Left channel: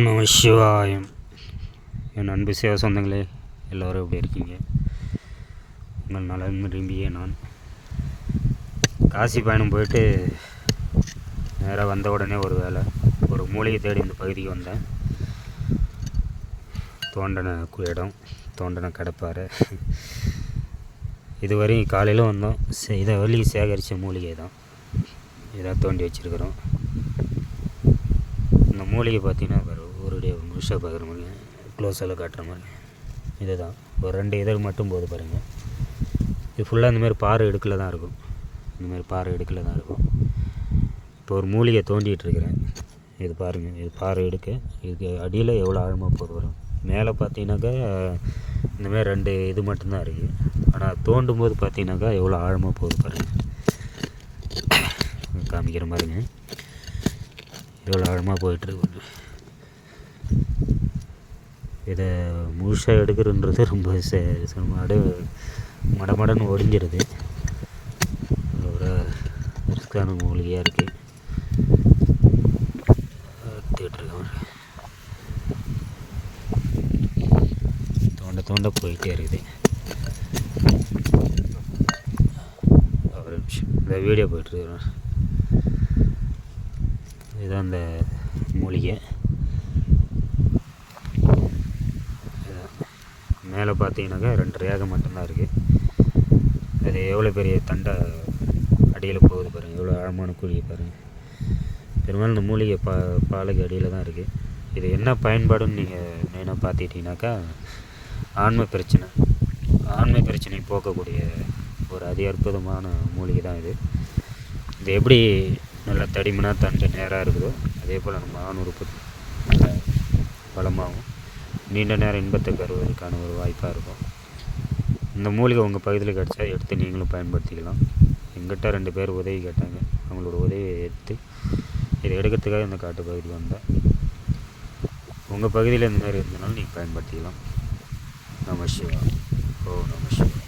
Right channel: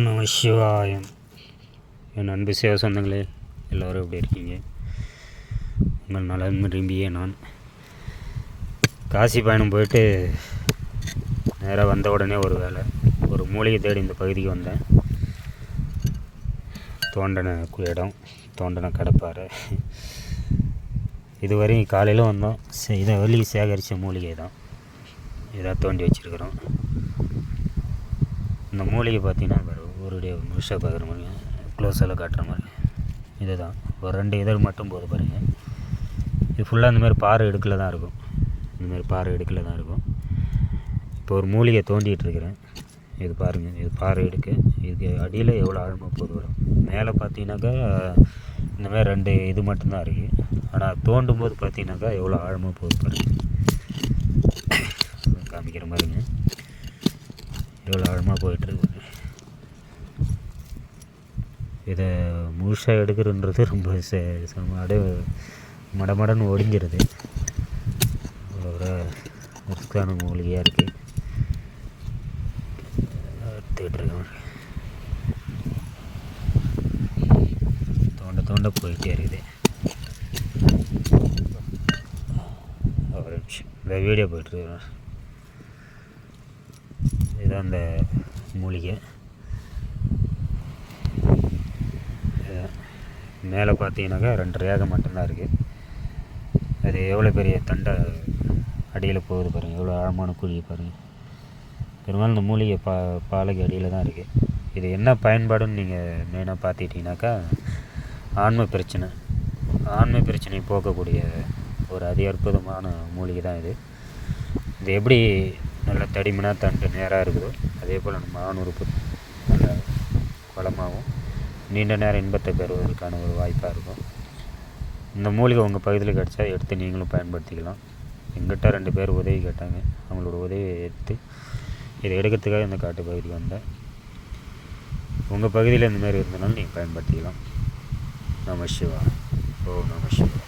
ஓம் நம சிவாயம். என் அன்பு சேவ சொந்தங்களே, எல்லோரும் எப்படி இருக்கீங்க? உங்கள் நலன் விரும்பிய நான் காசி பயணம் போயிட்டு நேராக வந்த உடனே ஒரு மூலிகை தேடி இந்த பகுதிக்கு வந்தேன். தோண்டன இடம், தோண்டன கடப்பாறை. இதுவரையும் காலையில் வந்தோம். இதை வெளியே சேகரித்த மூலிகை தான் இதாக தோண்டி வச்சுருக்குறோம். இந்த மூலிகை பார்த்தீங்கன்னா ஒரு முழுசாக பார்க்குற மாதிரி, க்ளோஸில் காட்டுற மாதிரி இது தான். ஒரு 2 இதழ் மட்டும் போது பாருங்கள். இது ஃபுல்லாக இந்தமாதிரி பாறை இடுக்கில் தான் இருக்கும். இந்தமாதிரி பாறை இடுக்கில் தான் இருக்கும். இப்போ ஒரு மூலிகை தோண்டிகிட்ருக்கிறேன். இது பாருங்கள், இது பாறை இடுக்கு. இதுக்கு அடியில் எவ்வளோ ஆழமாக போது வரும். மேலே பார்த்தீங்கன்னாக்கா இந்தமாதிரி 2 இது மட்டும்தான் இருக்குது. ஆனால் தோண்டும் போது பார்த்தீங்கன்னாக்கா எவ்வளோ ஆழமாக போகுது பாருங்கள். காமிக்கிற மாதிரிங்க, எவ்வளோ ஆழமாக போயிட்டுருக்கு. இதை முழுசாக எடுக்கிறன்றது ரொம்ப மடமடன்னு ஒடிஞ்சிருது. ஒரு ரிஸ்கான மூலிகையாக இருக்குது. எடுத்துக்கிட்டுருக்கேன். தோண்ட போயிட்டே இருக்குது. ஒரு நிமிஷம், இந்த வீடியோ போயிட்டுருக்குறேன். இதுதான் அந்த மூலிகை. மேலே பார்த்தீங்கன்னாக்கா 2 ரேகை மட்டும்தான் இருக்குது. அது எவ்வளோ பெரிய தண்டை அடியில் போகுது பாருங்கள், எவ்வளோ ஆழமான குழியை பாருங்கள். பெரும்பாலும் இந்த மூலிகை பாலைக்கு அடியில் தான் இருக்குது. இது என்ன பயன்பாடுன்னு நீங்கள் மெயினாக பார்த்துக்கிட்டிங்கனாக்கா, ஆண்மை பிரச்சனை போக்கக்கூடிய ஒரு அதி அற்புதமான மூலிகை தான் இது. இது எப்படி நல்லா தடிமனாக தண்டு நேராக இருக்குதோ, அதே போல் நம்ம ஆண் உறுப்பு நல்ல பலமாகவும் நீண்ட நேரம் இன்பத்தை பெறுவதற்கான ஒரு வாய்ப்பாக இருக்கும். இந்த மூலிகை உங்கள் பகுதியில் கிடச்சா எடுத்து நீங்களும் பயன்படுத்திக்கலாம். எங்கிட்ட 2 பேர் உதவி கேட்டாங்க. அவங்களோட உதவியை எடுத்து இதை எடுக்கிறதுக்காக இந்த காட்டு பகுதிக்கு வந்தேன். உங்கள் பகுதியில் இந்தமாதிரி இருந்தனாலும் நீங்கள் பயன்படுத்திக்கலாம். நம சிவா. ஓ நம சிவா.